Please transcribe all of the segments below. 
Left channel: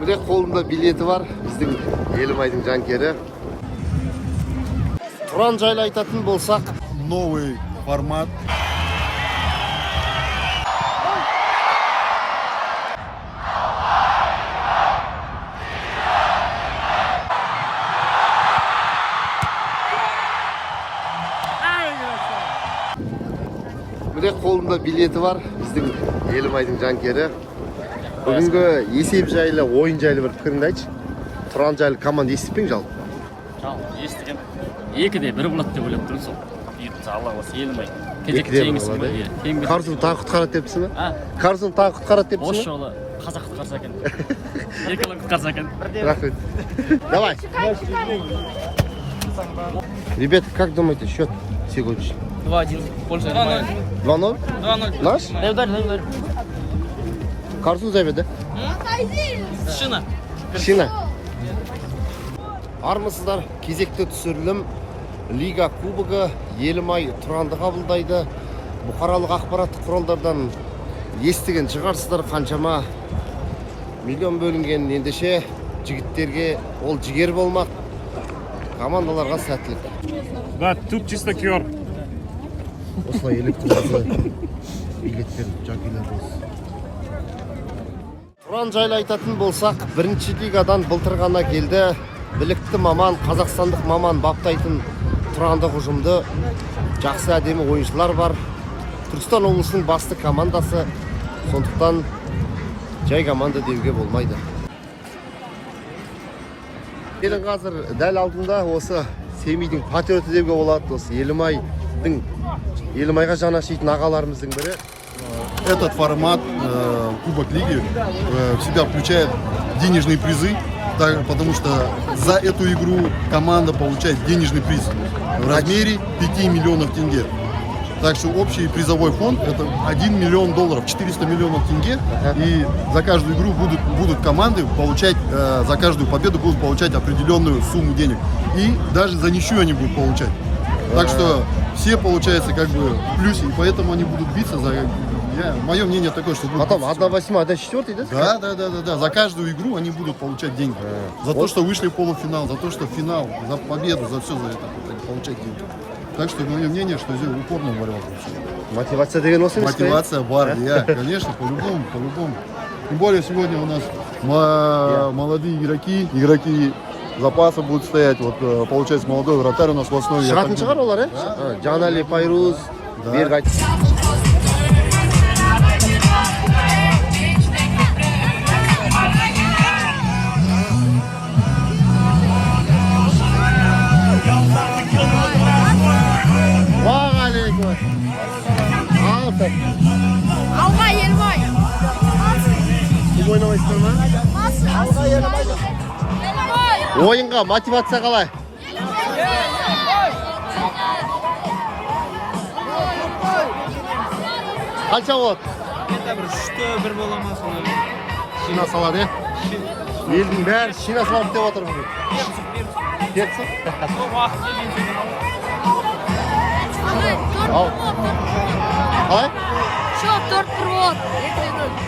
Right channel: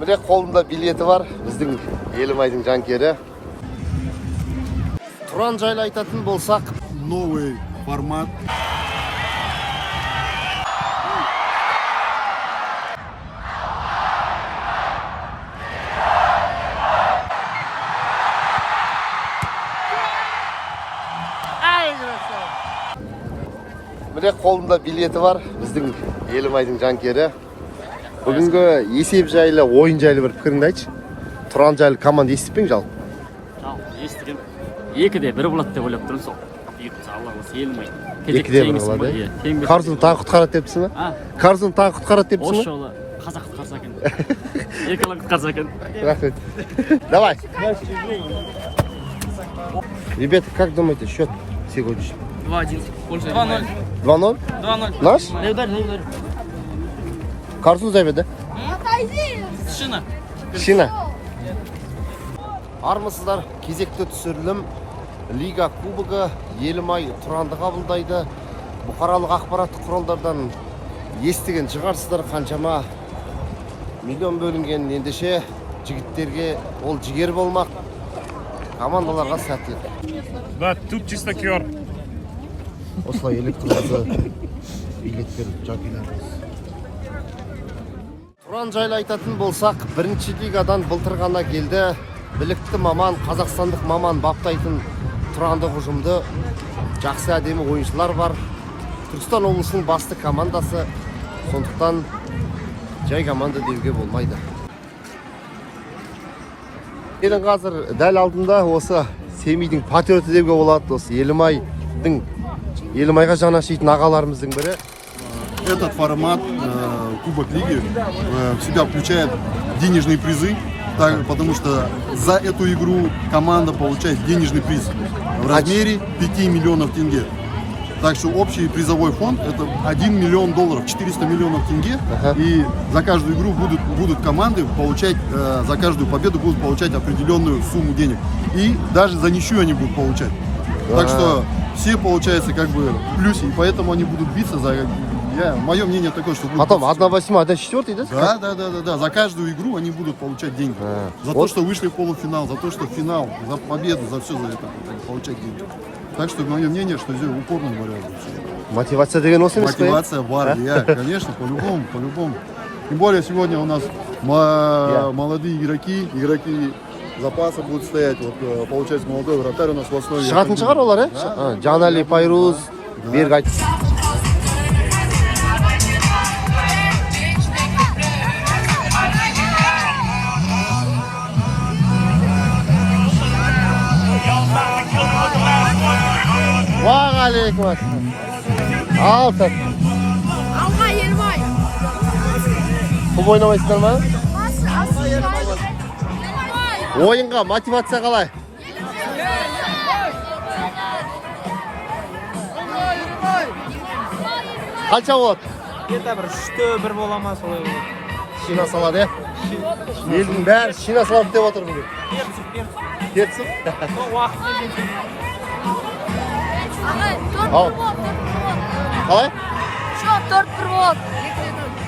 Міне қолында билеті бар, біздің Елімайдың жанкері. Тұран жайлы айтатын болсақ, новый формат. Міне қолында билеті бар, біздің Елімайдың жанкері. Бүгінгі есеп жайлы, ойын жайлы бір пікіріңді айтшы. Тұран жайлы команда естіп пең жалпы? Жалпы естіген. Екіде бір болады деп ойлап тұрмын сол. Алла осы Елімай. Кезекті жеңісім ғой. Қарсын тағы құтқарады депсің ба? Қарсын тағы құтқарады депсің ба? Осы жолы қазақ құтқарса екен. Еркелік құтқарса екен. Рахмет. Давай. Ребята, как думаете, счет сегодняшний? 2-1. 2-0? 2-0. Наш? Дай ударь. Қарсын зәбеді? Шина. Армысыздар, кезекті түсірілім Лига кубогы Елімай Тұранды қабылдайды. Бұқаралық ақпараттық құралдардан естіген шығарсыздар, қаншама миллион бөлінген. Ендеше жігіттерге ол жігер болмақ, командаларға сәттілік. Да, тут чисто кер. Осылай электронды билеттер жакилер болсын. Тұран жайлы айтатын болсақ, бірінші лигадан былтыр ғана келді. Білікті маман, қазақстандық маман баптайтын Тұрандық ұжымды жақсы әдемі ойыншылар бар. Түркістан облысының басты командасы, сондықтан жай команда деуге болмайды. Менің қазір дәл алдымда осы Семейдің патриоты деуге болады, осы Елімайға жаны ашитын ағаларымыздың бірі. Этот формат Кубок Лиги в себя включает денежные призы, потому что за эту игру команда получает денежный приз в размере 5 миллионов тенге. Так что общий призовой фонд это 1 миллион долларов, 400 миллионов тенге. И за каждую игру будут команды получать, за каждую победу будут получать определенную сумму денег. И даже за ничью они будут получать. Так что все, получается, как бы в плюсе, и поэтому они будут биться за... Мое мнение такое, что будут... Потом 1/8, 1/4, да? Да. За каждую игру они будут получать деньги. За то, что вышли в полуфинал, за то, что в финал, за победу, за все за это получать деньги. Так что мое мнение, что здесь упорная борьба будет. Мотивация деген осы емес пе? Мотивация бар, конечно, по-любому. Тем более сегодня у нас молодые игроки запаса будут стоять. Вот получается молодой вратарь у нас в основе. Шығатын шығар олар, Жанали, Пайруз, Мергайт. Уағалейкум ассалам. Алға Елімай. Кім ойнамайсыздар ма? Ойынға мотивация қалай? Қанша болады? Где-то бір 3-1 бола ма солай болады. Шина салады, елдің бәрі шина салады деп отыр бүгін. Перціп? Сол уақыт келген. Қалай? Счет 4-1 болады.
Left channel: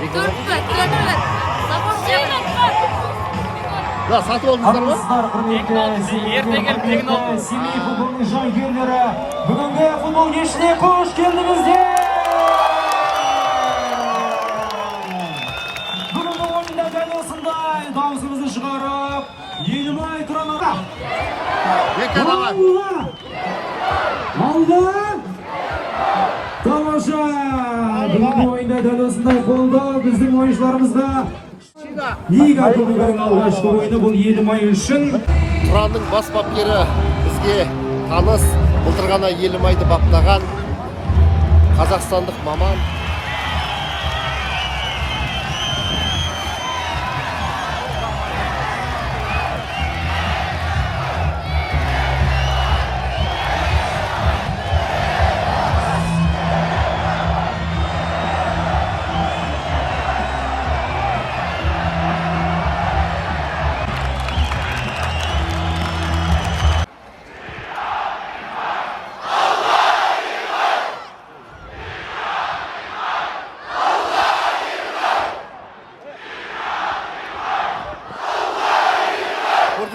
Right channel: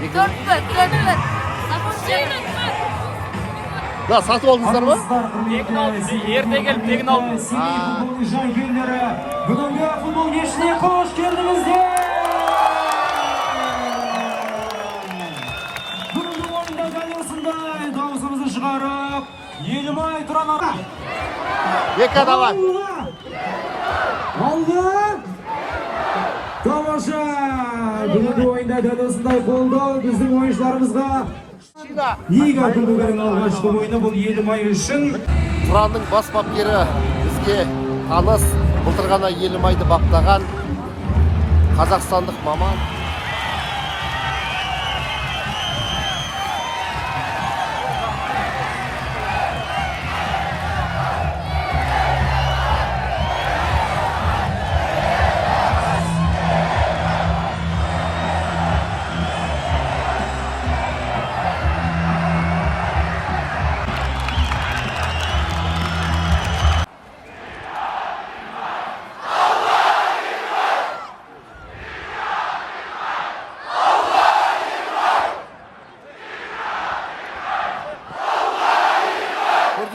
4-1. Запомните. Да, сатып алдыңыздар ма? Тегін алдым, ерте келіп тегін алдым. Бүгінгі футбол кешіне қош келдіңіздер. Бүгінгі ойында дәл осындай дауысымызды шығарып, Елімай Тұранға. Екі адалар. Алдан! Тамаша! Бүгінгі ойында дәл осындай қолдау біздің ойыншыларымызға. Лига кубогының алғашқы ойыны бұл Елімай үшін. Тұранның бас бапкері бізге таныс, былтыр ғана Елімайды баптаған қазақстандық маман.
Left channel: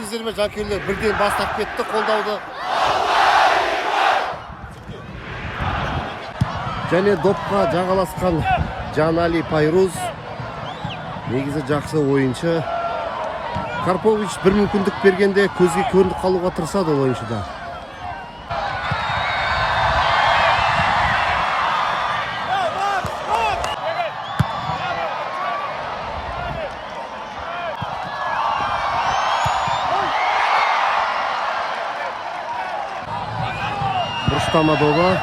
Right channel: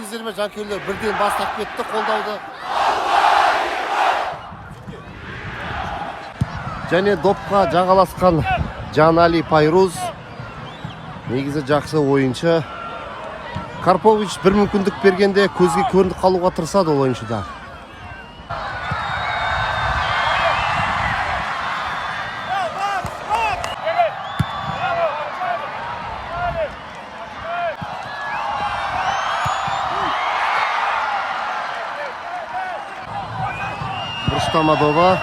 негіздерімен жанкүйерлер бірден бастап кетті қолдауды. Және допқа жағаласқан Жанали Пайруз негізі жақсы ойыншы. Карпович бір мүмкіндік бергенде көзге көрініп қалуға тырысады ол ойыншыда. Бұрыштамадова.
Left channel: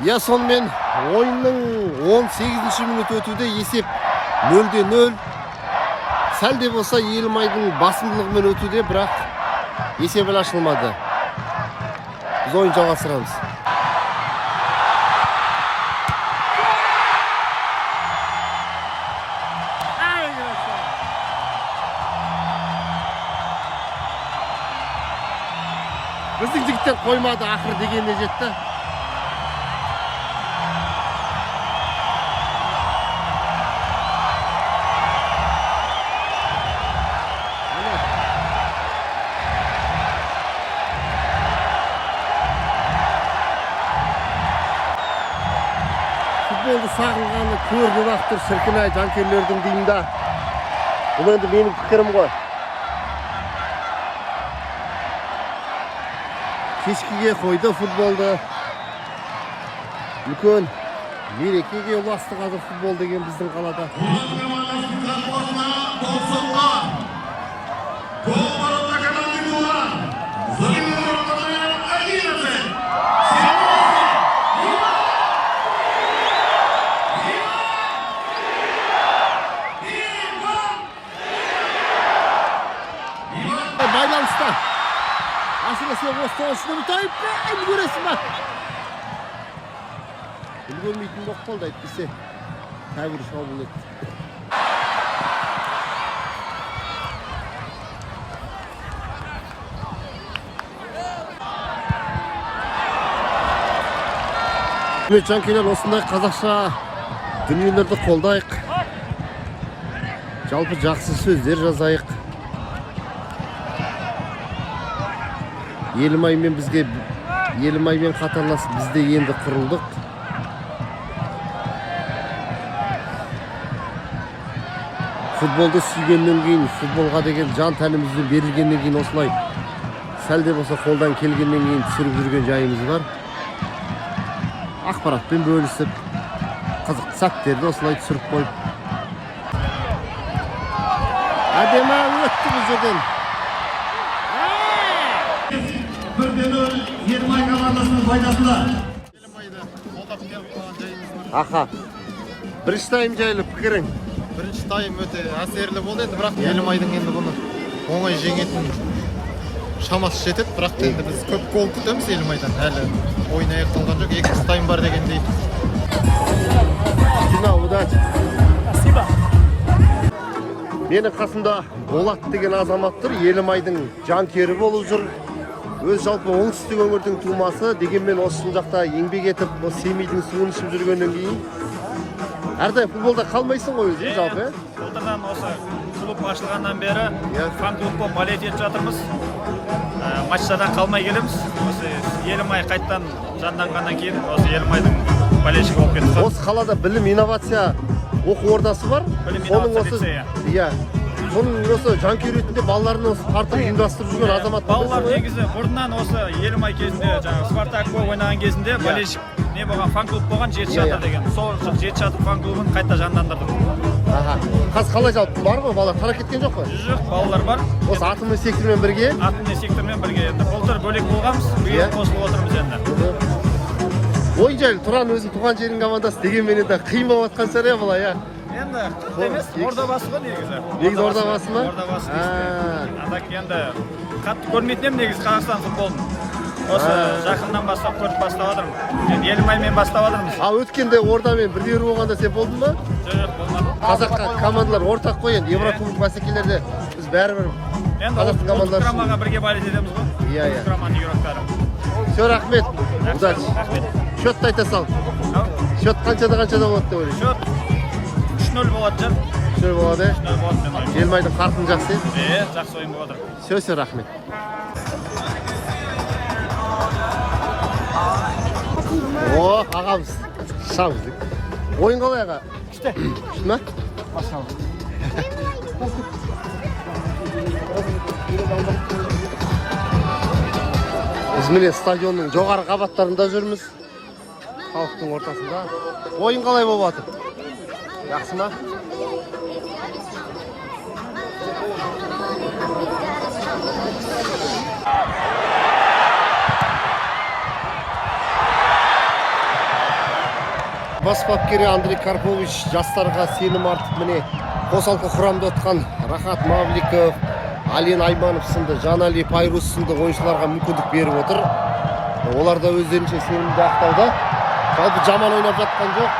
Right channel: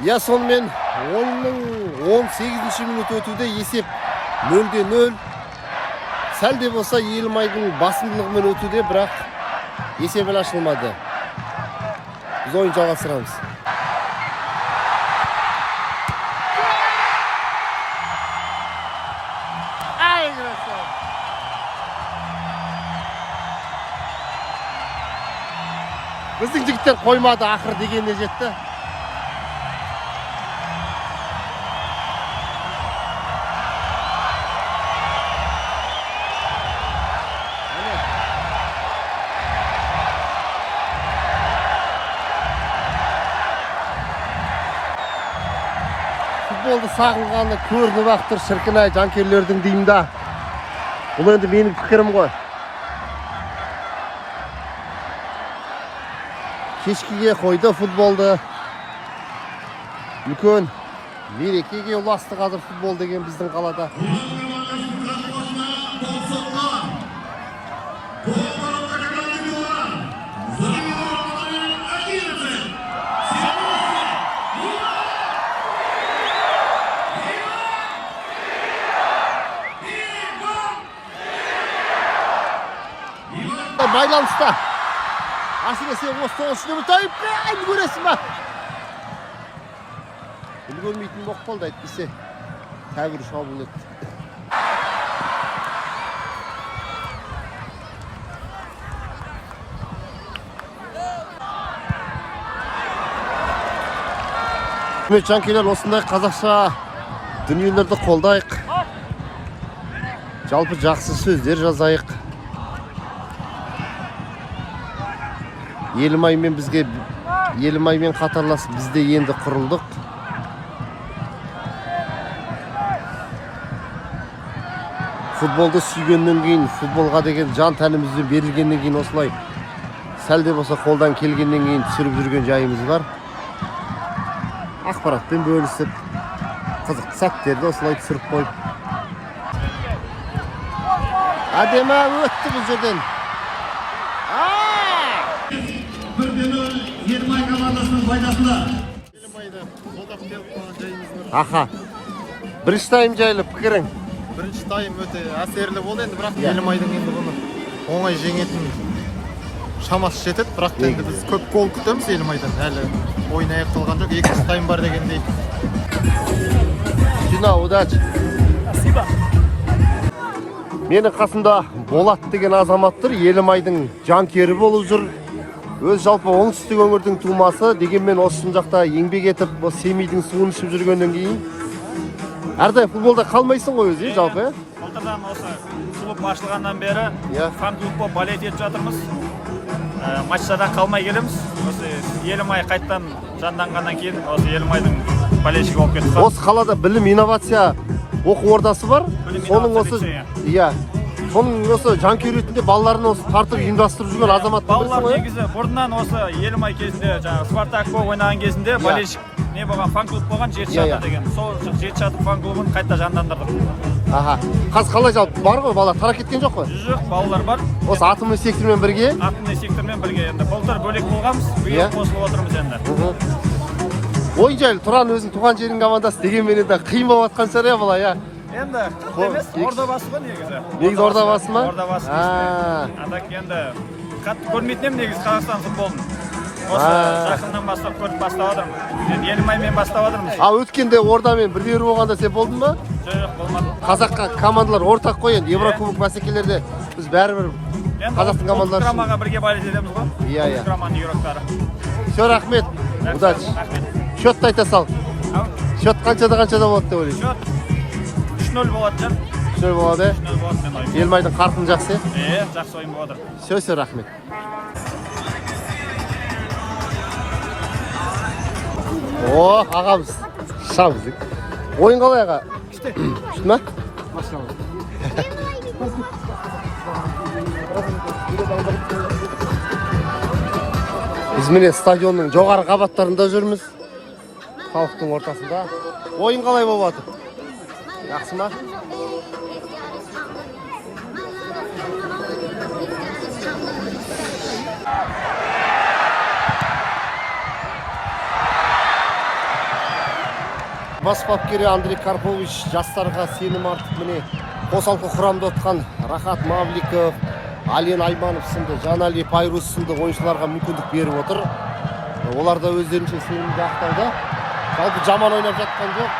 Я сонымен ойынның 18-ші минут өтуде есеп 0-0. Сәл де болса Елімайдың басымдылығымен өтуде, бірақ есеп әлі ашылмады. Біз ойын жалғастырамыз. Біздің жігіттер қоймады, ақыр дегенде жетті. Футболды сағынғаны көрініп ақтыр шіркін-ай жанкүйерлердің деймін. Бұл енді менің пікірім ғой. Кешкіге қойды футболды. Үлкен мерекеге ұласты қазір футбол деген біздің қалада. Байланыста. Әсіресе осы ұшыны мұтайып, көресің ба? Үлгенмейтін боқ болды әйтпесе. Тәбір шабыл өтті. Жанкелер осындай қазақша дүниелерді қолдайық. Жалпы жақсы сөздер жазайық. Елімаймен қатарласып бізде енді құрылдық. Футболды сүйгеннен кейін, футболға деген жан тәнімізді берілгеннен кейін осылай сәл де болса қолдан келгеннен кейін түсіріп жүрген жайымыз бар. Ақпаратпен бөлісіп, қызықты сәттерді осылай түсіріп қойып. Әдемі өтті бұл жерден. 1-0 Елімай командасының пайдасында. Елімайды қолдап келіп қалған жайымыз бар. Аха. Бірінші тайм жайлы пікірің? Бірінші тайм өте әсерлі болды енді, бірақ Елімайдың енді бұны оңай жеңетін шамасы жетеді, бірақ енді біз көп гол күтеміз Елімайдан. Әлі ойын аяқталған жоқ, екінші тайм бар дегендей. Дина, удачи. Спасибо. Менің қасымда Болат деген азаматтыр, Елімайдың жанкері болып жүр. Өз жалпы оңтүстік өңірдің тумасы, дегенмен осы жақта еңбек етіп, осы Семейдің суын ішіп жүргеннен кейін әрдайым футболда қалмайсың ғой өзің жалпы. Былтырдан осы клуб ашылғаннан бері фан-клуб болып болеть етіп жатырмыз. Матчтардан қалмай келеміз. Осы Елімай қайттан жанданғаннан кейін осы Елімайдың болельшігі болып кеттік. Осы қалада білім инновация оқу ордасы бар. Білім инновация лицейі. Иә. Соның осы жанкүйер ретінде балаларын осы тартып ұйымдастырып жүрген азамат. Балалар негізі бұрыннан осы Елімай кезінде, жаңағы Спартак болып ойнаған кезінде болельшік не болған, фан-клуб болған, жеті шатыр деген. Сол жеті шатыр фан-клубын қайта жандандырдық. Аха. Қазір қалай жалпы бар ғой, балалар тарап кеткен жоқ қой? Жоқ, балалар бар. Осы атомный сектормен бірге? Атомный сектормен бірге енді. Былтыр бөлек болғанбыз, биыл қосылып отырмыз енді. Ойын жайлы Тұран өзінің туған жерінің командасы дегенмен енді қиын болып жатқан шығар иә бұлай, иә. Енді қырт емес, ордабасы ғой негізі. Негізі ордабасы ма? Ордабасы дейсің. Атак енді қатты көрмейтін едім негізі Қазақстан футболын. Осы жақыннан бастап көріп бастап жатырмын. Енді Елімаймен бастап жатырмыз. А өткенде ордамен бірдей болғанда сен болдың ба? Жоқ, болмады. Қазаққа командалар ортақ қой енді. Еврокубок бәсекелерде біз бәрібір енді ұлттық құрамаға бірге болеть етеміз ғой. Ұлттық құраманың игроктары. Все, рахмет. Удачи. Рахмет. Счетты айта сал. Счет қаншада болады деп ойлайсың? Счет 3-0 болады жан. 3-0 болады. 3-0 болады мен ойым. Елімайдың қарқыны жақсы. Жақсы ойын болып жатыр. Все, рахмет. О, ағамыз. Шамыз. Ойын қалай аға? Күшті ма? Біз міне стадионның жоғары қабаттарында жүрміз. Халықтың ортасында. Ойын қалай болып жатыр? Жақсы ма? Бас бапкері Андрей Карпович жастарға сенім артып міне қосалқы құрамда отқан Рахат Мавликов, Ален Айманов сынды, Жанали Пайрус сынды ойыншыларға мүмкіндік беріп отыр. Олар да өздерінше сенімді ақтауда. Жалпы жаман ойнап жатқан жоқ.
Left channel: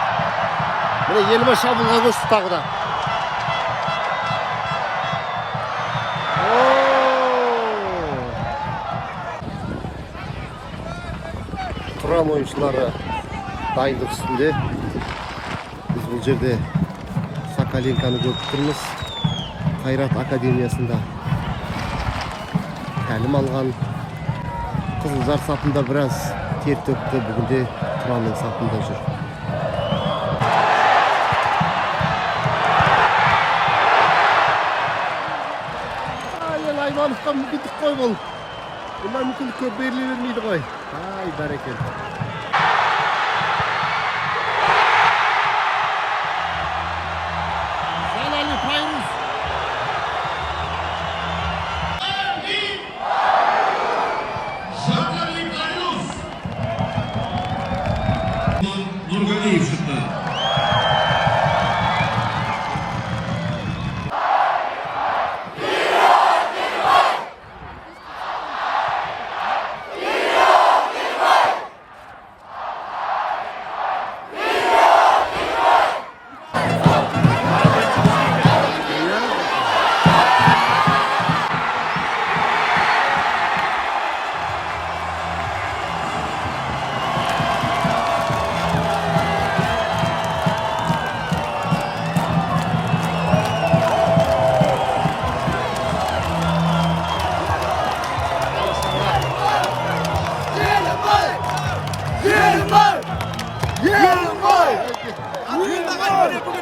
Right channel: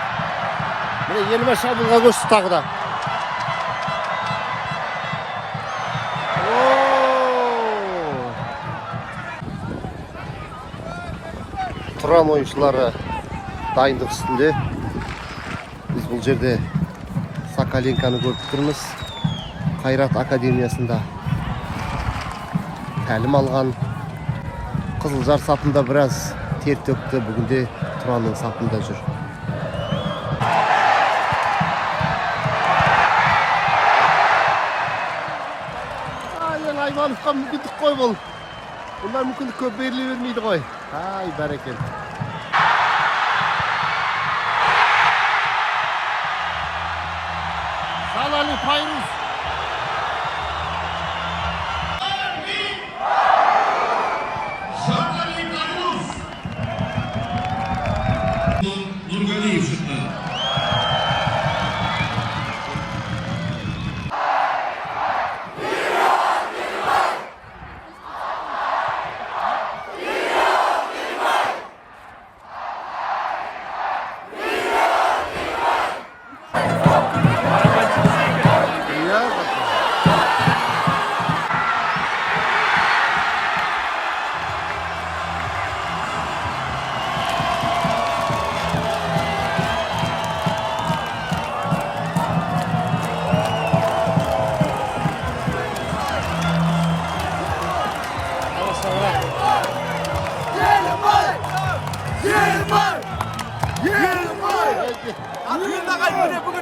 Міне Елімай шабуылға көшті тағы да. Құрам ойыншылары дайындық үстінде. Біз бұл жерде Соколенканы көріп тұрмыз. Қайрат академиясында тәлім алған. Қызылжар сапында біраз тер төкті, бүгінде Тұранның сапында жүр. Ален Аймановқа мүмкіндік қой бұл. Бұндай мүмкіндік көп беріле бермейді ғой. Ай, бәрекелді.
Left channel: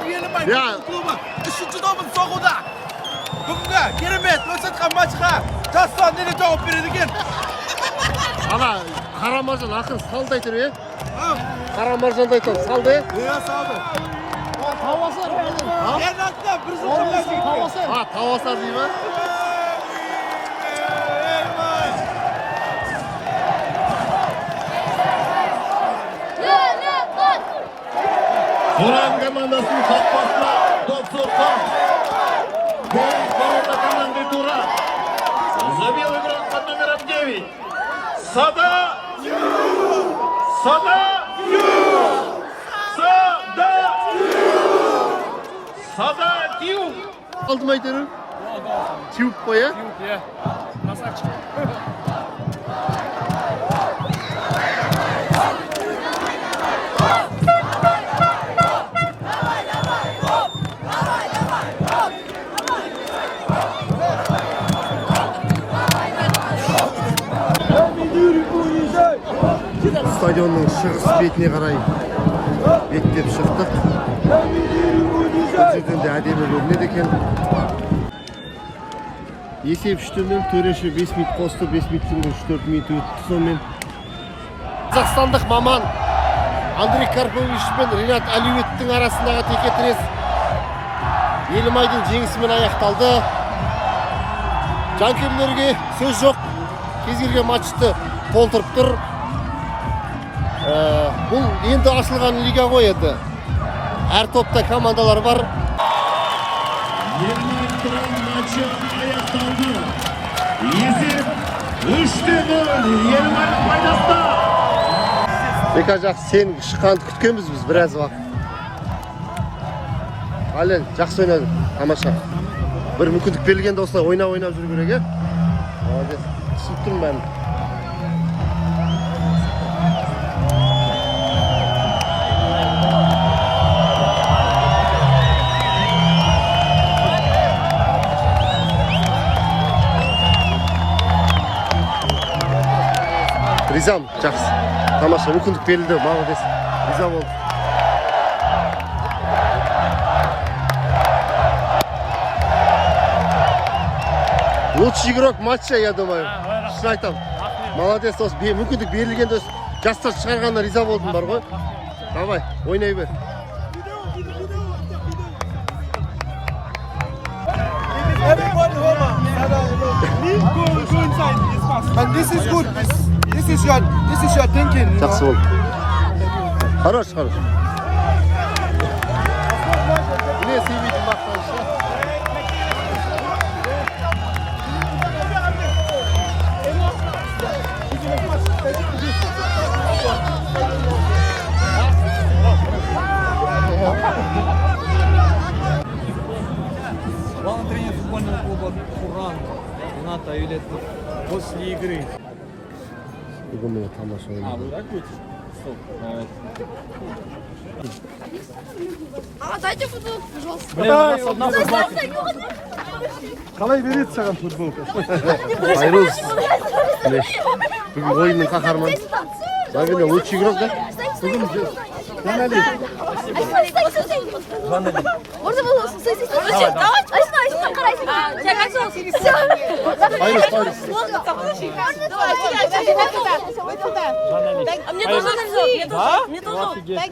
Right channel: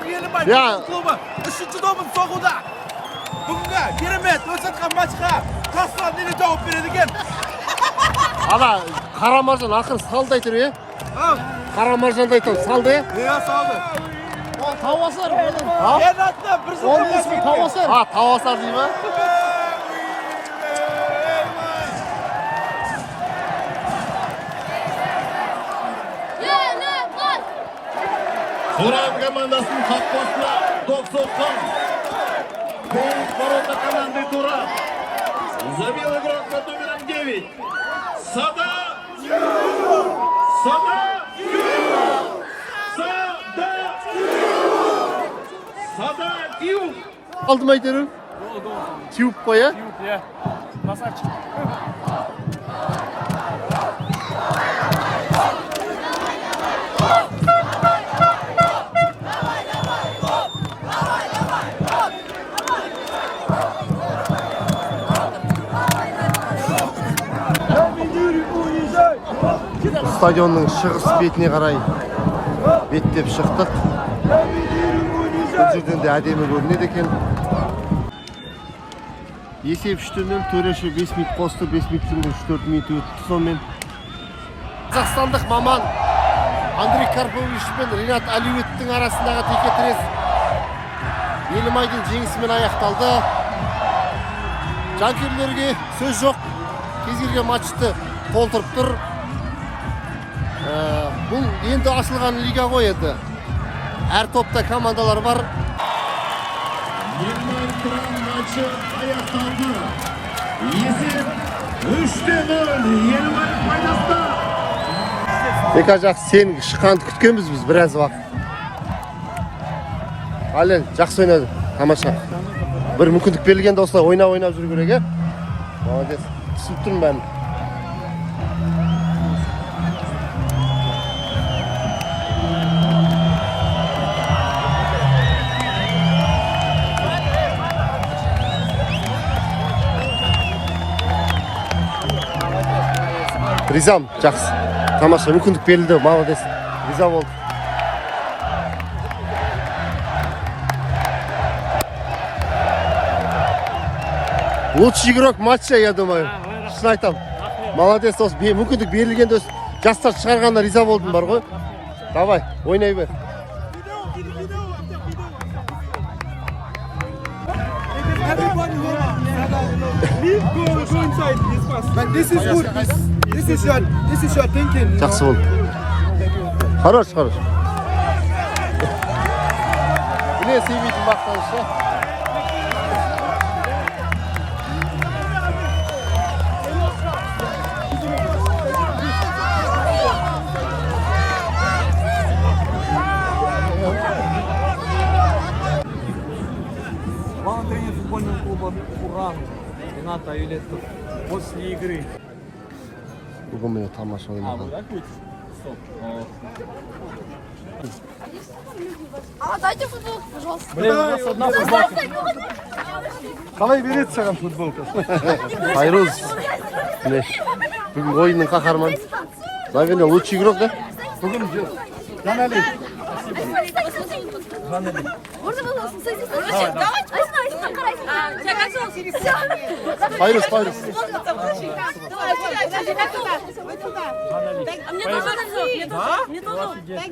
Елімай клубы 3-ші добын соғуда. Бүгінгі керемет өтсатқан матчқа жастар неге жауап береді екен? Ана Қарамаржан ақыр салды айтыр, е? Қарамаржан айтыр, салды, е? Енатта бір зұлым Тауасар дей ма? Туран командасының қақпасына топ соққан. Гол ворота команды Туран. Забил игрок под номером 9. Сада! Тиуп! Алды ма айтыр? Тиуп қой, е? Тиуп, е. Красавчик. Стадионның шығыс бетіне қарай беттеп шықтық. Бұл жерден де әдемі көрінеді екен. Есеп 3-0, төреші 5 минут қосты, 5 минуттың 3-4 минут өтті сонымен. Қазақстандық маман Андрей Карпович пен Ринат Алиевтің арасындағы текетірес Елімайдың жеңісімен аяқталды. Жанкүйерлерге сөз жоқ. Кез келген матчты толтырып тұр. Бұл енді ашылған лига ғой еді. Әр топта командалар бар. Ельмай Тұран матчы аяқталды. Есеп 3-0 Ельмайдың пайдасына. Бека жақсы, сен шыққанды күткенбіз біз біраз уақыт. Ален, жақсы ойнадың, тамаша. Бір мүмкіндік берілгенде осылай ойнап жүру керек, е? Молодец, түсіп тұрмын бәрін. Ризам, жақсы. Тамаша, мүмкіндік берілді, молодец. Риза болды. Лучший игрок матча, я думаю. Шын айтам. Молодец, осы мүмкіндік берілгенде жастар шығарғанда риза болдым бар ғой. Давай, ойнай бер. Everybody hold on. Go inside. It's fast. And this is good. This is your thinking. You know? Жақсы болды. Хорош. Не сейбейтін бақтаншы. Главный тренер футбольного клуба «Уран» Ренат Аюлетов после игры. Бүгін міне тамаша ойнады. А, дайте футболку, пожалуйста. Блин, у нас одна футболка. Қалай береді саған футболка? Хайрулс. Бүгін ойынның қаһарманы. Наверное, лучший игрок, да? Можно давай. Хайрулс. Да? Офигеть.